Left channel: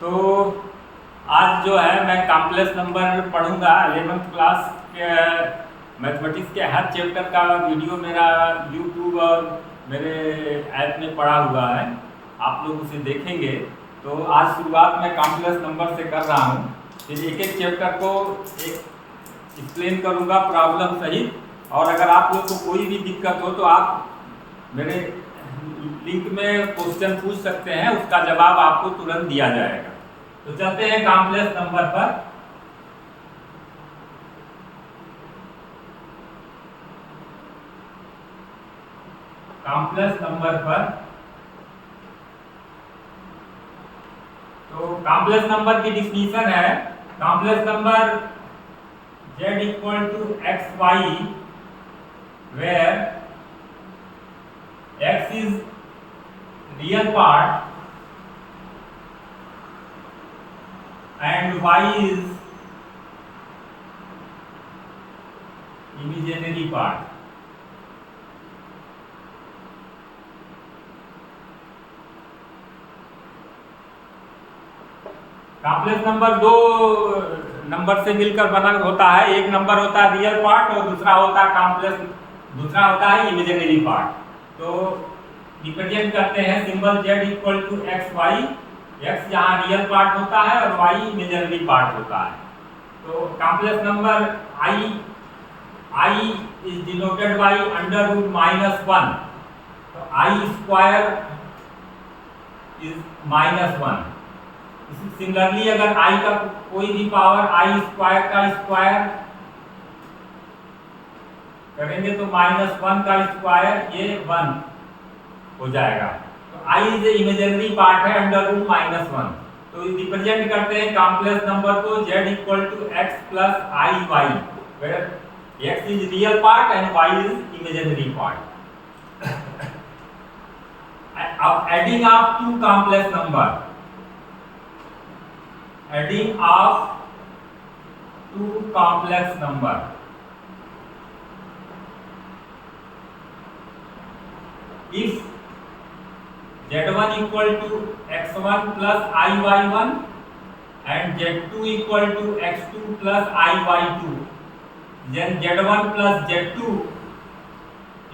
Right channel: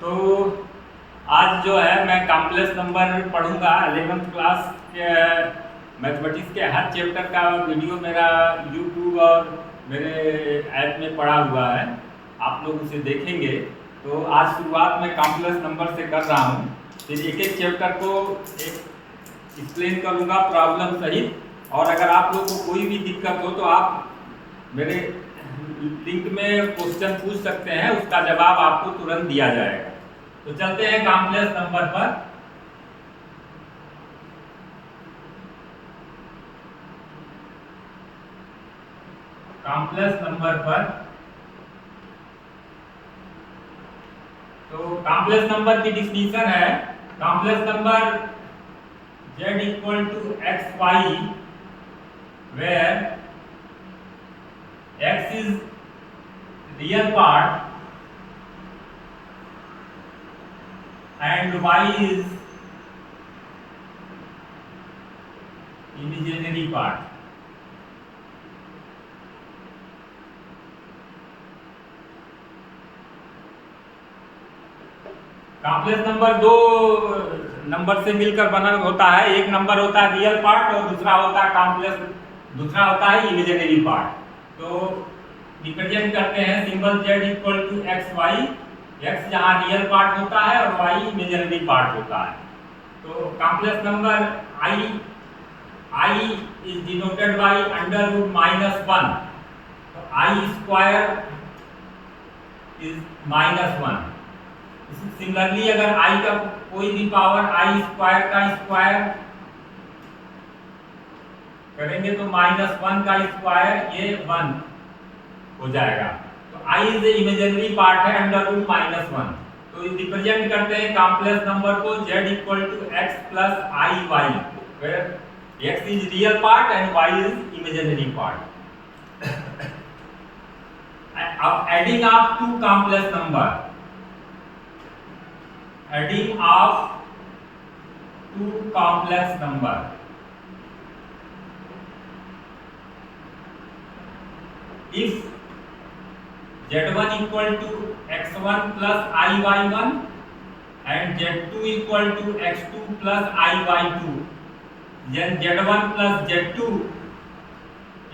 तो आज जो है मैं कॉम्प्लेक्स नंबर पढ़ूंगा 11th क्लास के मैथमेटिक्स के हर चैप्टर का वीडियो मेरा यूट्यूब और मेरे ऐप में पड़ा हुआ है। आप लोग उसे देखेंगे। तो आज शुरुआत मैं कॉम्प्लेक्स नंबर से कर रहा हूँ। फिर एक एक चैप्टर को एक एक्सप्लेन करूँगा प्रॉब्लम सहित। और अगर आप लोग को कोई भी दिक्कत हो तो आप मेरे लिंक में क्वेश्चन पूछ सकते हैं, उसका जवाब आपको तुरंत दिया जाएगा। तो चलते हैं कॉम्प्लेक्स नंबर पर। कॉम्प्लेक्स नंबर पर तो कॉम्प्लेक्स नंबर की डिफिनीशन है, complex number z equal to x y where x is real part and y is imaginary part। Complex number दो नंबर से मिलकर बना होता है। एक नंबर होता है रियल पार्ट और दूसरा होता है कॉम्प्लेक्स, दूसरा होता है इमेजिनरी पार्ट। तो रिप्रेजेंट करते हैं symbol z equal to x y, x यहाँ रियल पार्ट होता है और y इमेजिनरी पार्ट होता है। तो complex number i is denoted by under root -1। तो i स्क्वायर इज -1। सिमिलरली अगर i का कोई भी पावर i स्क्वायर का स्क्वायर करेंगे तो -1 का स्क्वायर ये 1 हो जाएगा। तो i इज इमेजिनरी पार्ट है अंडर रूट -1। तो रिप्रेजेंट करते हैं कॉम्प्लेक्स नंबर को z equal to x plus i y, where x is real part and y is imaginary part. अब adding of two complex number, adding of two complex number. If z1 equal to x1 plus iy1 and z2 equal to x2 plus iy2, then z1 plus z2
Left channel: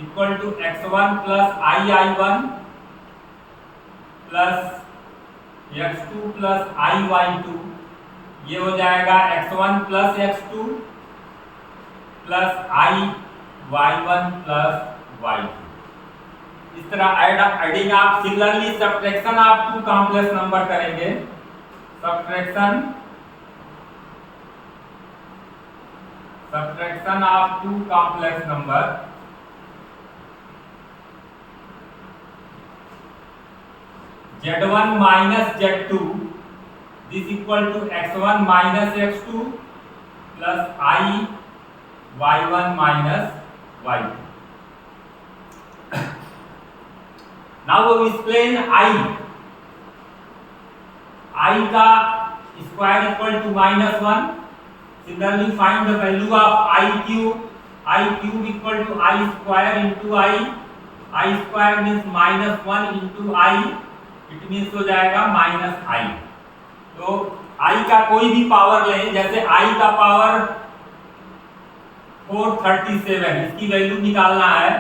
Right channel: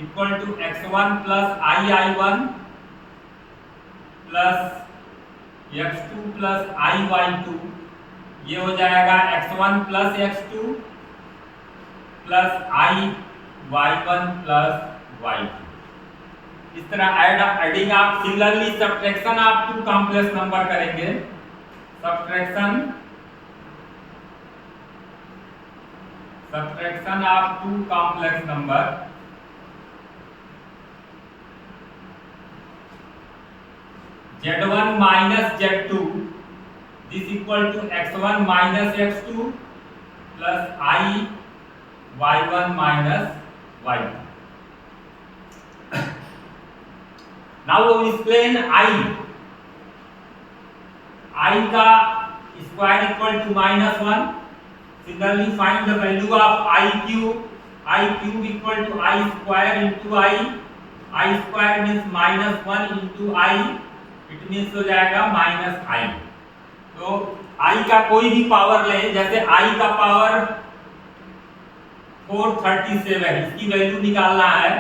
equal to x1 plus ii1 plus x2 plus iy2, ये हो जाएगा x1 plus x2 plus iy1 plus y2। इस तरह adding आप similarly subtraction आप two complex number करेंगे। Subtraction of two complex number, z1 minus z2 this equal to x1 minus x2 plus I y1 minus y2। Now we explain I का square equal to -1। Similarly find the value of I cube equal to I square into I square means -1 into I, it means हो जाएगा -I। तो I का कोई भी पावर लें, जैसे I का पावर 437, इसकी वैल्यू निकालना है।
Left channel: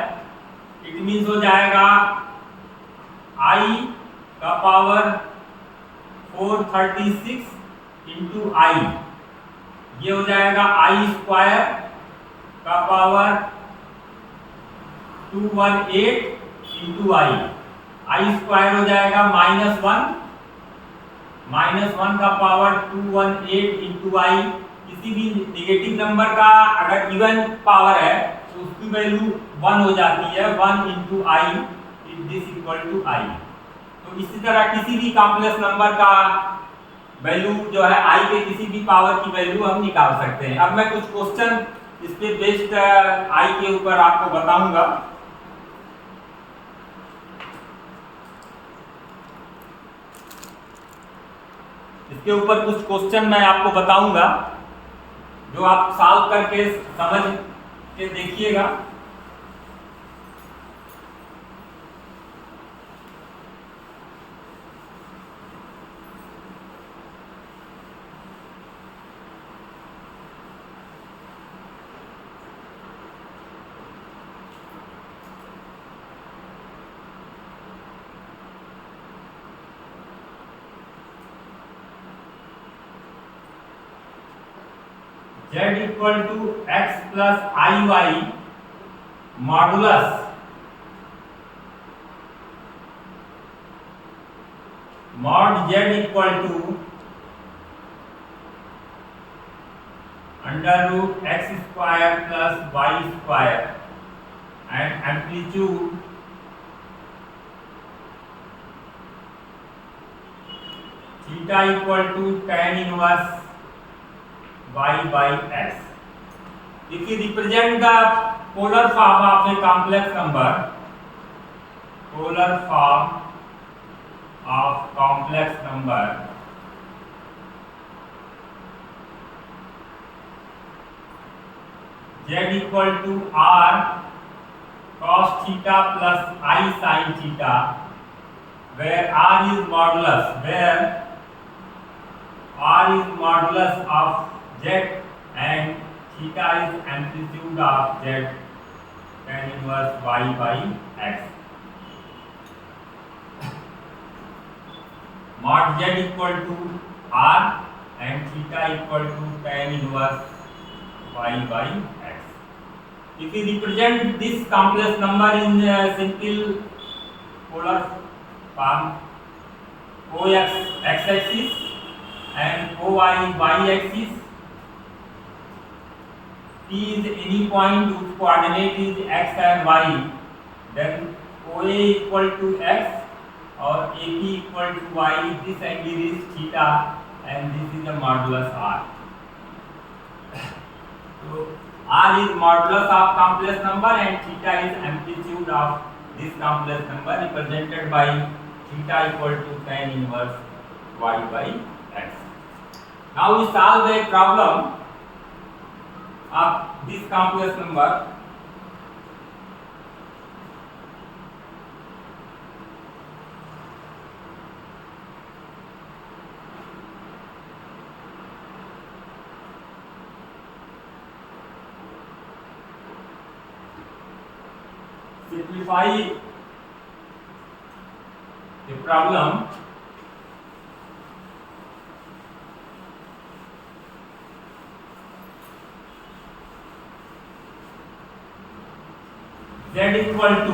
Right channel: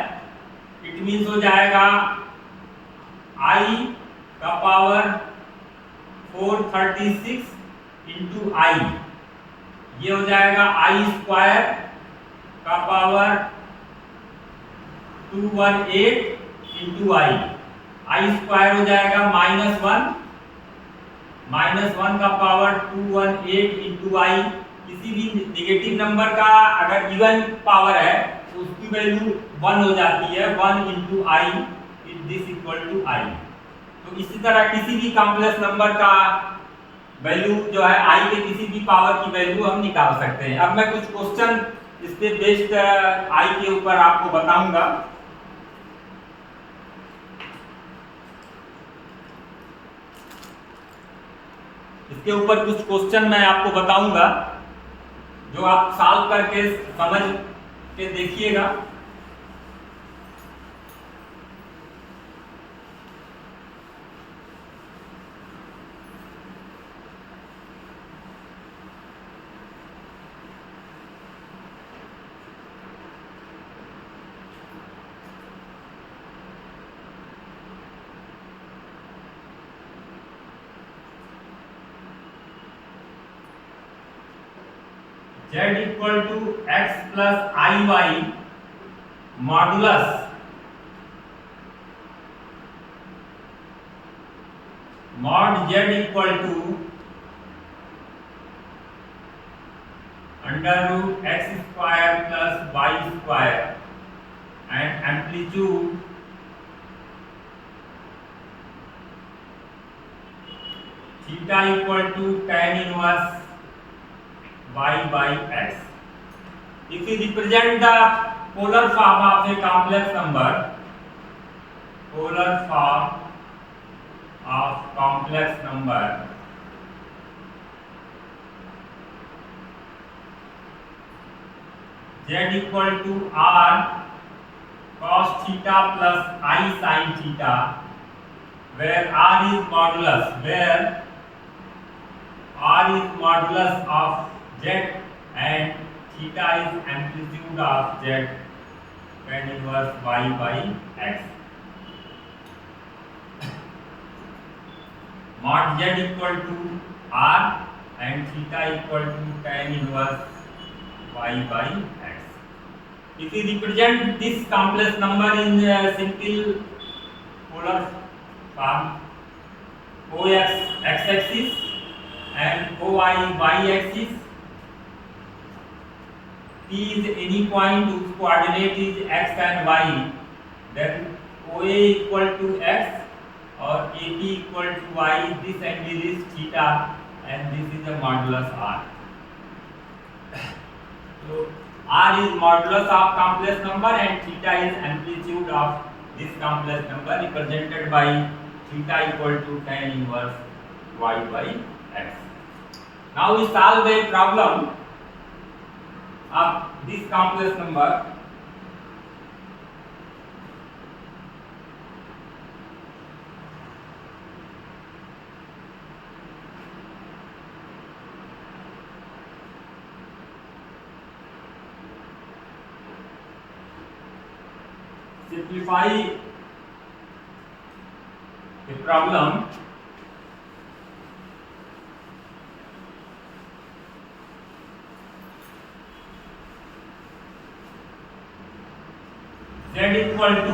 इट मीन्स हो जाएगा I का पावर 436 इंटू I, ये हो जाएगा I स्क्वायर का पावर 218 इंटू I स्क्वायर हो जाएगा -1 का पावर 218 इंटू I। किसी भी नेगेटिव नंबर का अगर इवन पावर है तो उसकी वैल्यू 1 हो जाती है, 1 into I this equal to I। तो इसी तरह किसी भी कॉम्प्लेक्स नंबर का वैल्यू जो है I के किसी भी पावर की वैल्यू हम निकाल सकते हैं। अब मैं कुछ क्वेश्चन इस पे बेस्ड I के ऊपर आपको बताऊंगा। इसके ऊपर कुछ क्वेश्चन मैं आपको बताऊंगा जो आप सॉल्व करके समझ के देखिएगा। z equal to x plus i y modulus mod z equal to under root x square plus y square and amplitude theta equal to tan inverse y by x. If you represent the polar form of a complex number, polar form of complex number, z equal to r cos theta plus I sin theta, where r is modulus, where r is modulus of z and theta is amplitude of z, tan inverse y by x. Mod z equal to r and theta equal to tan inverse y by x. If you represent this complex number in simple polar form, ox x axis and oy y axis, P is any point whose coordinate is x and y, then OA equal to x or AP equal to y, this angle is theta and this is a modulus r. So r is modulus of complex number and theta is amplitude of this complex number, represented by theta equal to tan inverse y by x. Now we solve a problem of this complex number. Simplify the problem. Z equal to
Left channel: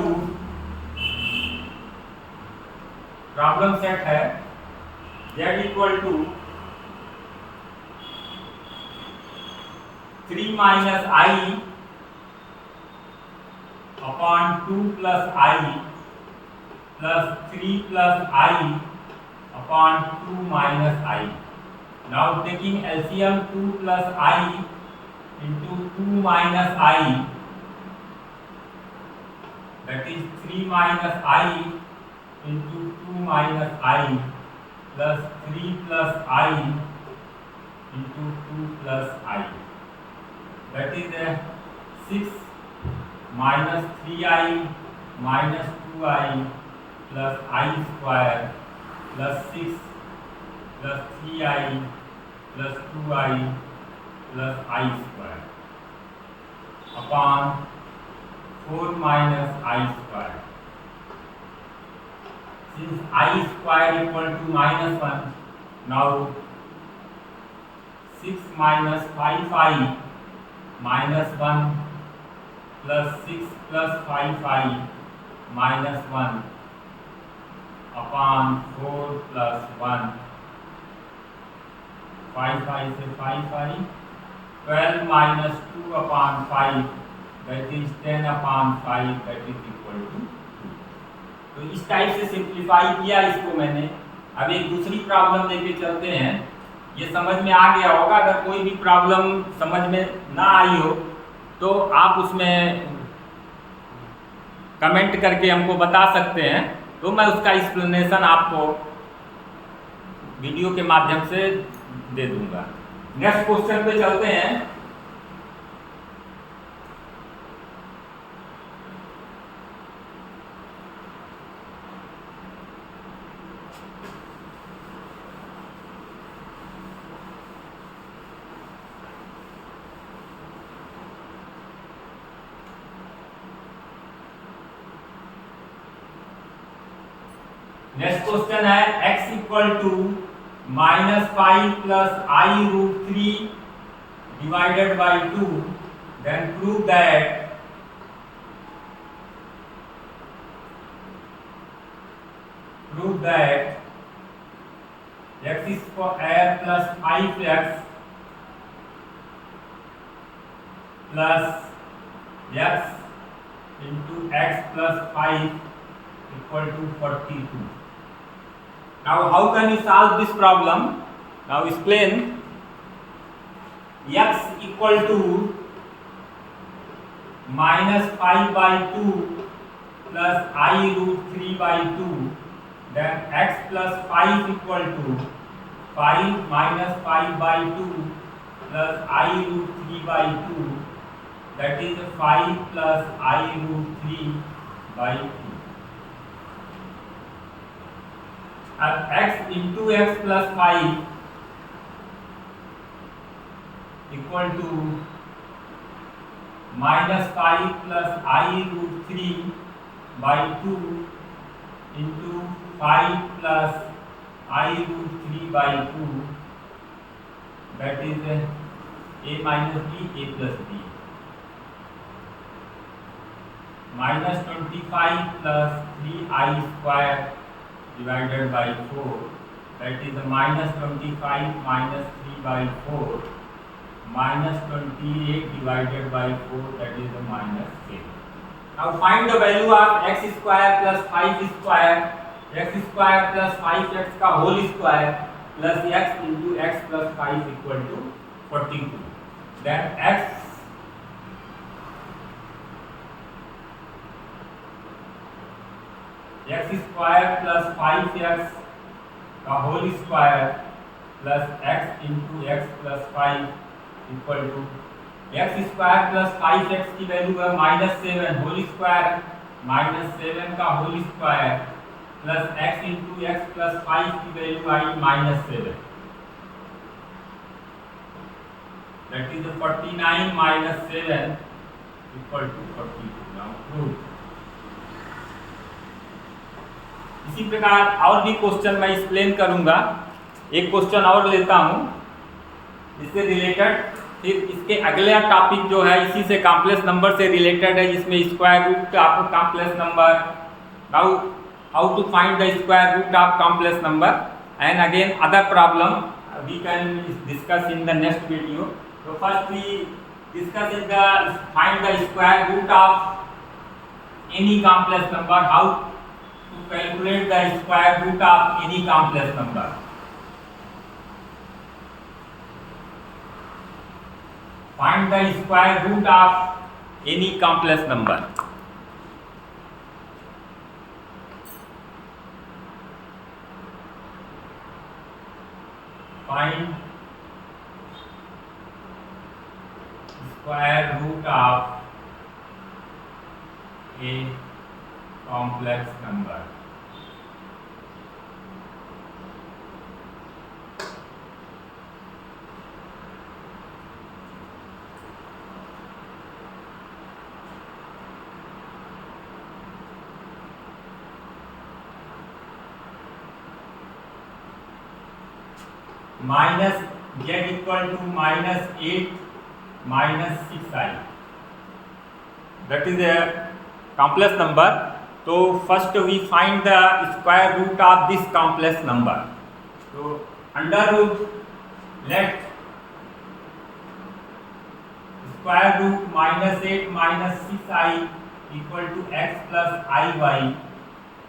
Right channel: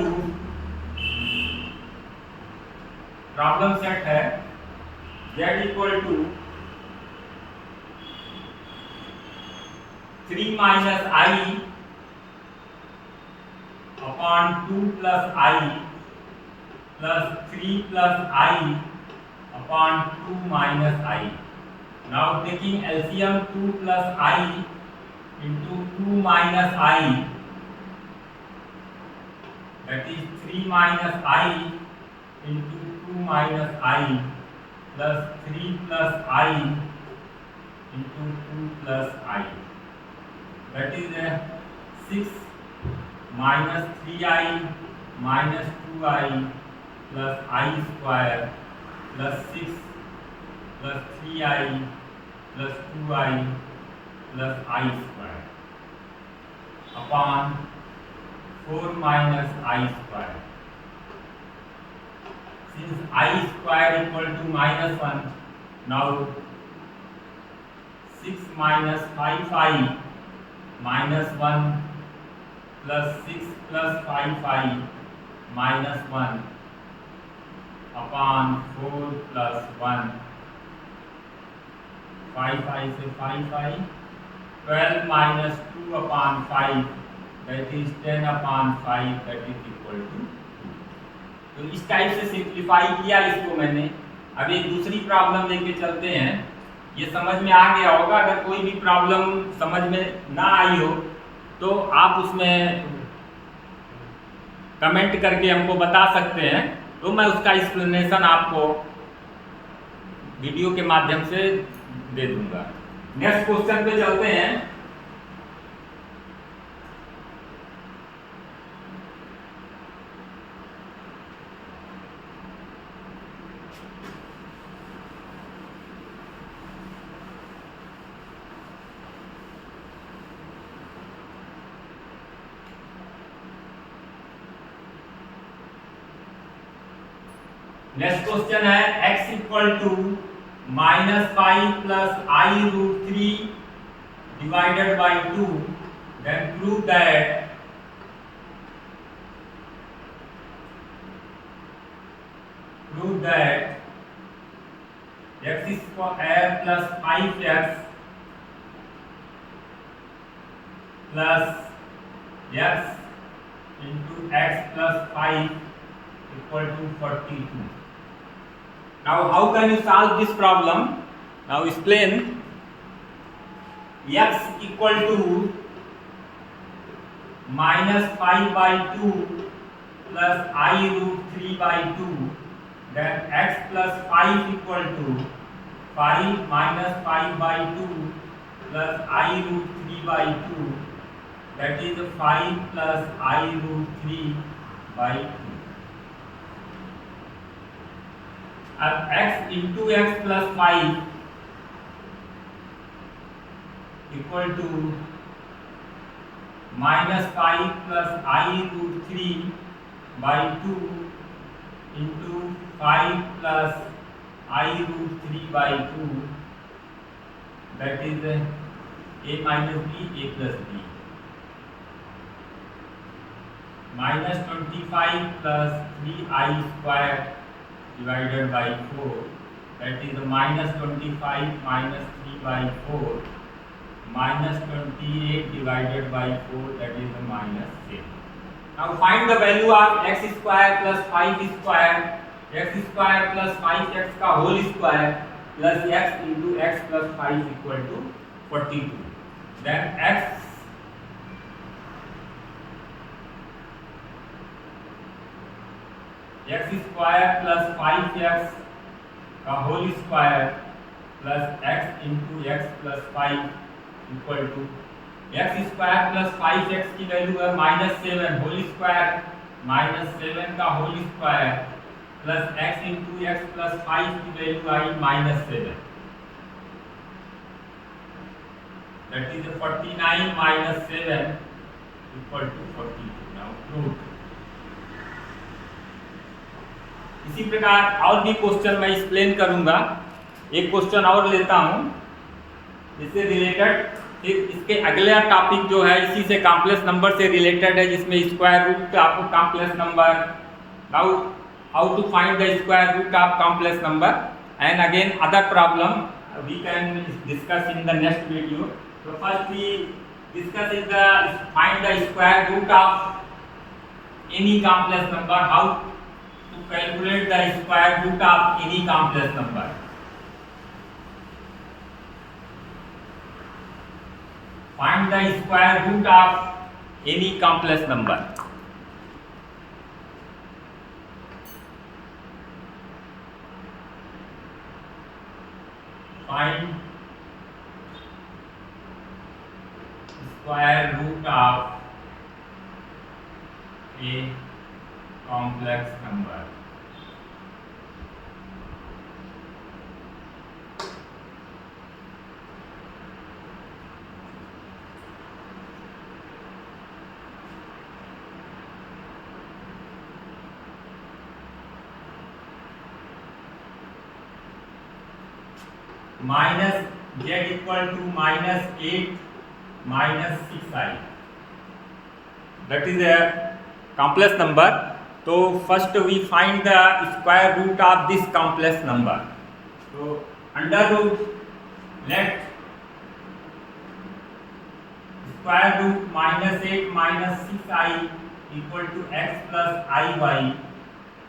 problem set है Z equal to 3 minus i upon 2 plus i plus 3 plus i upon 2 minus i. Now taking LCM 2 plus i into 2 minus i, that is 3 minus I into 2 minus I plus 3 plus I into 2 plus I, that is 6 minus 3I minus 2I plus I square plus 6 plus 3I plus 2I plus I square upon 4 minus I square. Since I square equal to minus 1, now 6 minus 5I minus 1 plus 6 plus 5I minus 1 upon 4 plus 1. 5I से 5I, 12 minus 2 upon 5, that is 10 upon 5, that is equal to 2. तो इस टाइप से सिंप्लीफाई किया इसको मैंने. अब एक दूसरी प्रॉब्लम लेके चलते हैं. ये समझ में आ गया होगा. अगर कोई भी प्रॉब्लम समझ में ना आई हो तो आप उसमें कमेंट करके हमको बता सकते हैं, तो मैं उसका एक्सप्लेनेशन आपको वीडियो के माध्यम से दे दूंगा. नेक्स्ट क्वेश्चन पे चलते हैं. नेक्स्ट क्वेश्चन है x equal to minus 5 plus i root 3 divided by 2, then prove that x square plus 5x plus x into x plus 5 equal to 42. Now how can you solve this problem? Now explain. X equal to minus 5 by 2 plus I root 3 by 2, then x plus 5 equal to 5 minus 5 by 2 plus I root 3 by 2, that is 5 plus I root 3 by 2. And x into x plus 5 equal to minus 5 plus I root 3 by 2 into 5 plus I root 3 by 2, that is a minus b, a plus b. Minus 25 plus 3i square divided by 4, that is a minus 25 minus 3 by 4, minus 28 divided by 4, that is a minus 7. Now find the value of x square plus 5 square, x square plus 5x का whole square plus x into x plus 5 equal to 42. Then x square plus 5x का whole square plus x into x plus 5 equal to x square plus 5x की वैल्यू है -7, whole square -7 का whole square plus x into x plus 5 की value i -7, that is 49 minus 7 equal to 42. Now prove. इसी प्रकार और भी क्वेश्चन मैं एक्सप्लेन करूंगा. एक क्वेश्चन और लेता हूं इससे रिलेटेड. फिर इसके अगला टॉपिक जो है इसी से कॉम्प्लेक्स नंबर से रिलेटेड है, जिसमें square root of complex number, how to find the square root of complex number, and again other problem we can discuss in the next video. So first we discuss is the find the square root of any complex number. How to calculate the square root of any complex number. Find the square root of any complex number. Find square root of a complex number. Minus z equal to -8 minus 6i, that is a complex number. So first we find the square root of this complex number. So under root, let square root -8 minus 6i equal to x plus iy,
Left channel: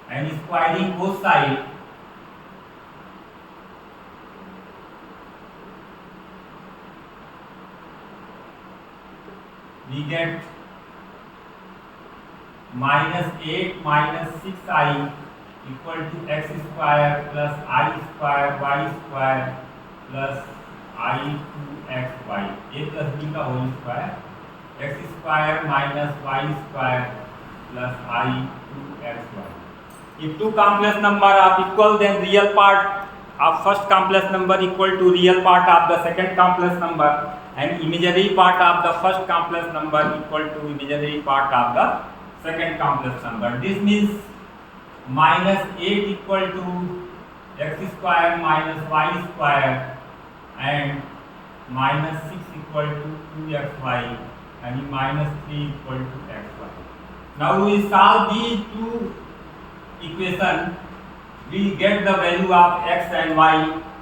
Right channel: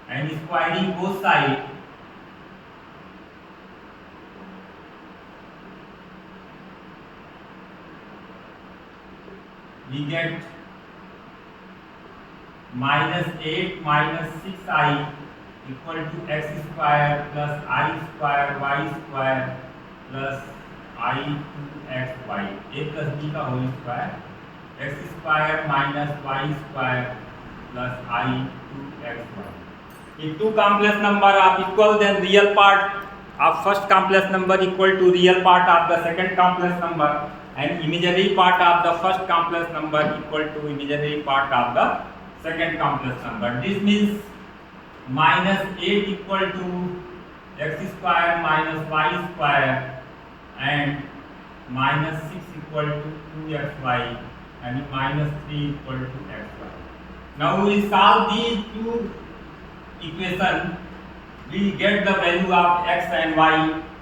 and squaring both sides, we get -8 minus 6i equal to x square plus I square y square plus I 2xy, a plus b का whole square, x square minus y square plus I 2xy. If two complex number are equal, then real part of first complex number equal to real part of the second complex number, and imaginary part of the first complex number equal to imaginary part of the second complex number. This means -8 equal to x square minus y square, and minus 6 equal to 2xy and minus 3 equal to xy. Now we solve these two equations. We get the value of x and y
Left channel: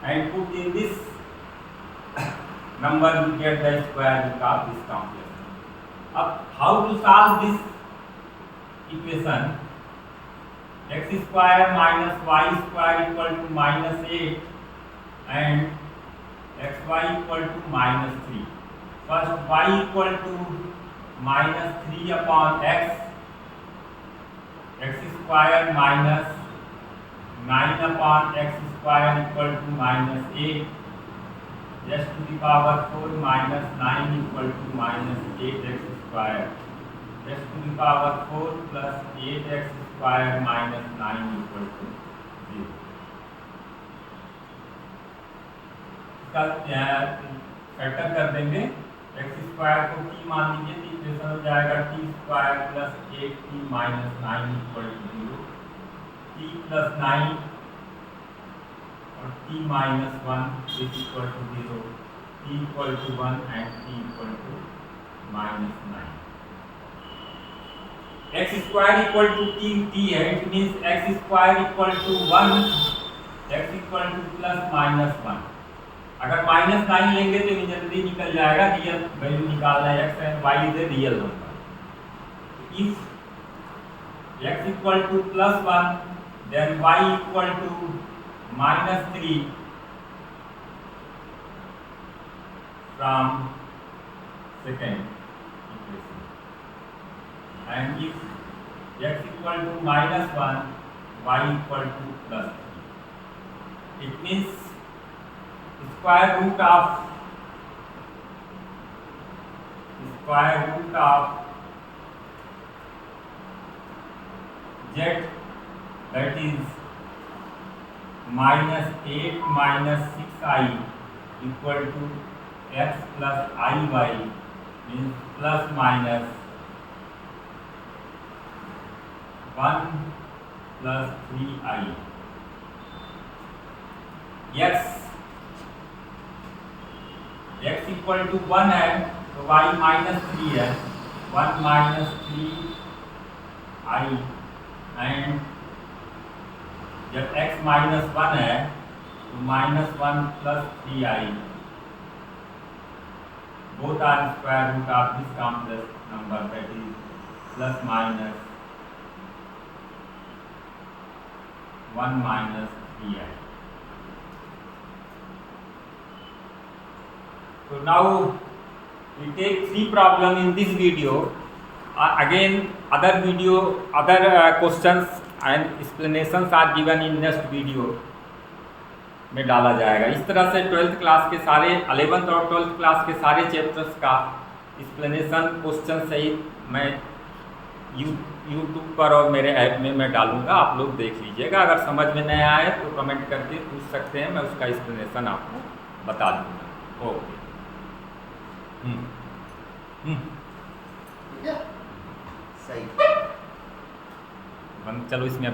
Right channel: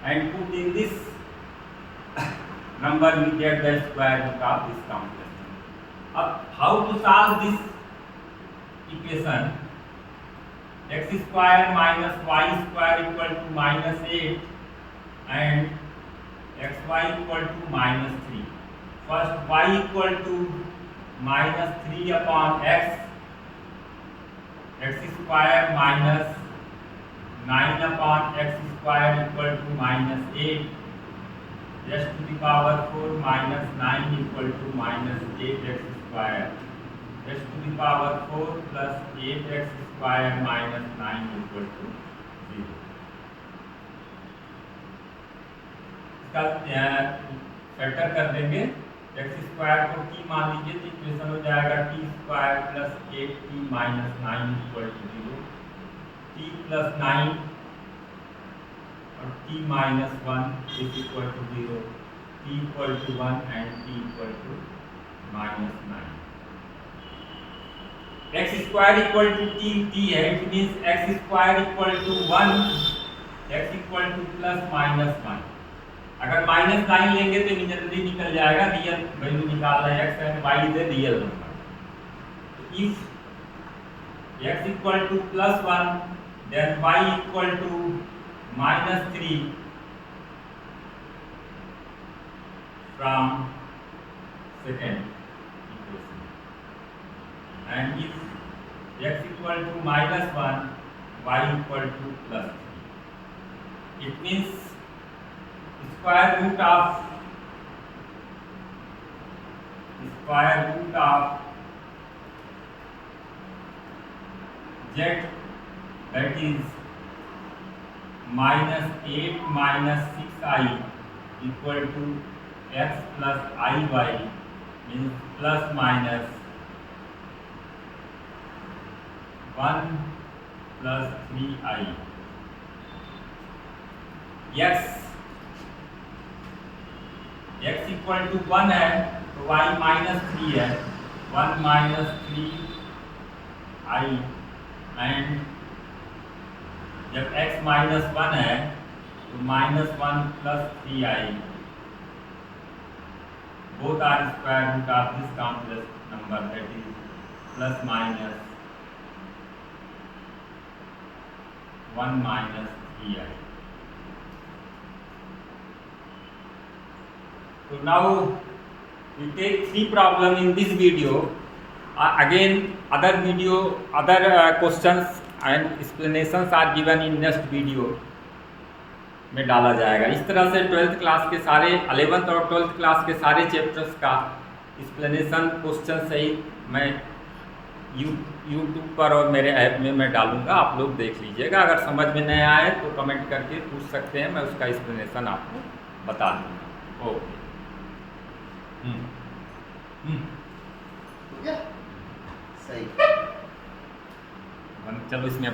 and put in this number, we get the square root of this complex number. अब how to solve this equation? X square minus y square equal to minus 8 and xy equal to minus 3. First y equal to minus 3 upon x square minus 9 upon x square equal to minus 8 x to the power 4 minus 9 equal to minus 8x square x to the power 4 plus 8x square minus 9 equal to 0. इसका फैक्टर कर देंगे, x square को t मान लीजिए तो इक्वेशन हो जाएगा t square plus 8t minus 9 equal to 0, t plus 9 और t minus 1 is equal to 0, t equal to 1 and t equal to minus 9. X square equal to t है, it means x square equal to 1, x equal to plus minus 1. अगर माइनस 9 लेंगे तो इमीडिएटली निकल जाएगा, real value निकालना है, x and y is a real number. If x equal to plus 1 then y equal to minus 3 from second equation, and if x equal to minus 1 y equal to plus 3, it means square root of z, that is minus 8 minus 6i equal to x plus iy, means plus minus 1 plus 3i. x equal to 1 है तो y minus 3 है, 1 minus 3i, and जब x minus 1 है तो minus 1 plus 3i, both are square root of this complex number, that is plus minus 1 minus 3i. So now we take 3 problem in this video. Again other questions and explanations are given in next video में डाला जाएगा. इस तरह से 12th class के सारे 11th और 12th class के सारे चैप्टर्स का एक्सप्लेनेशन क्वेश्चन सहित मैं यूट्यूब पर और मेरे ऐप में मैं डालूंगा, आप लोग देख लीजिएगा. अगर समझ में नहीं आए तो कमेंट करके पूछ सकते हैं, मैं उसका एक्सप्लेनेशन आपको बता दूँगा. ओके. सही. चलो इसमें